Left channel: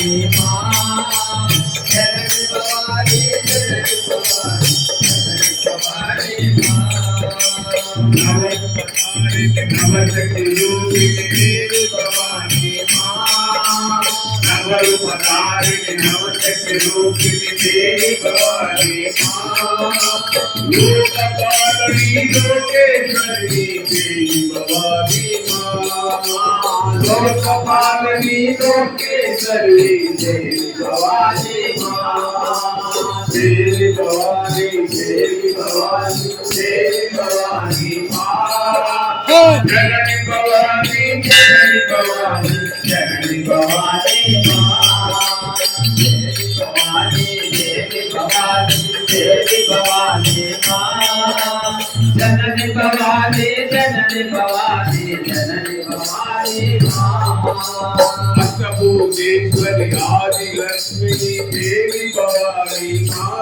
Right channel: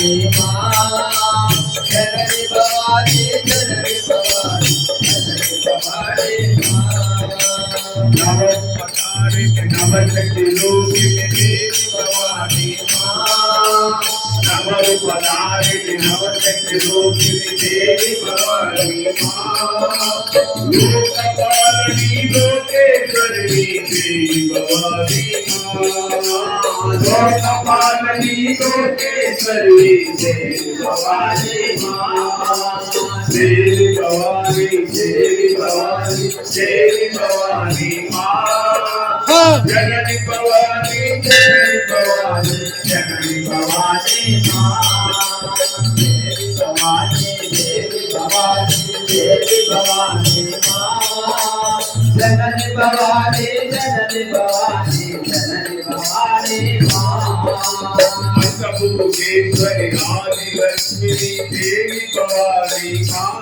भवानी माँ जननी भवानी जननी भवानी जननी भवानी माँ नवशक्ति रूपिणी देवी भवानी माँ नवरूपधारिणी नवशक्ति रूपिणी देवी भवानी माँ लोकपालिनी लोकेश्वरी देवी भवानी माँ लोकपालिनी लोकेश्वरी देवी भवानी माँ देवी भवानी देवी भवानी देवी भवानी माँ जननी भवानी जननी भवानी जननी भवानी माँ देवी भवानी देवी भवानी देवी भवानी माँ जननी भवानी जननी भवानी जननी भवानी माँ अष्टभुजेश्वरी आदि लक्ष्मी देवी भवानी माँ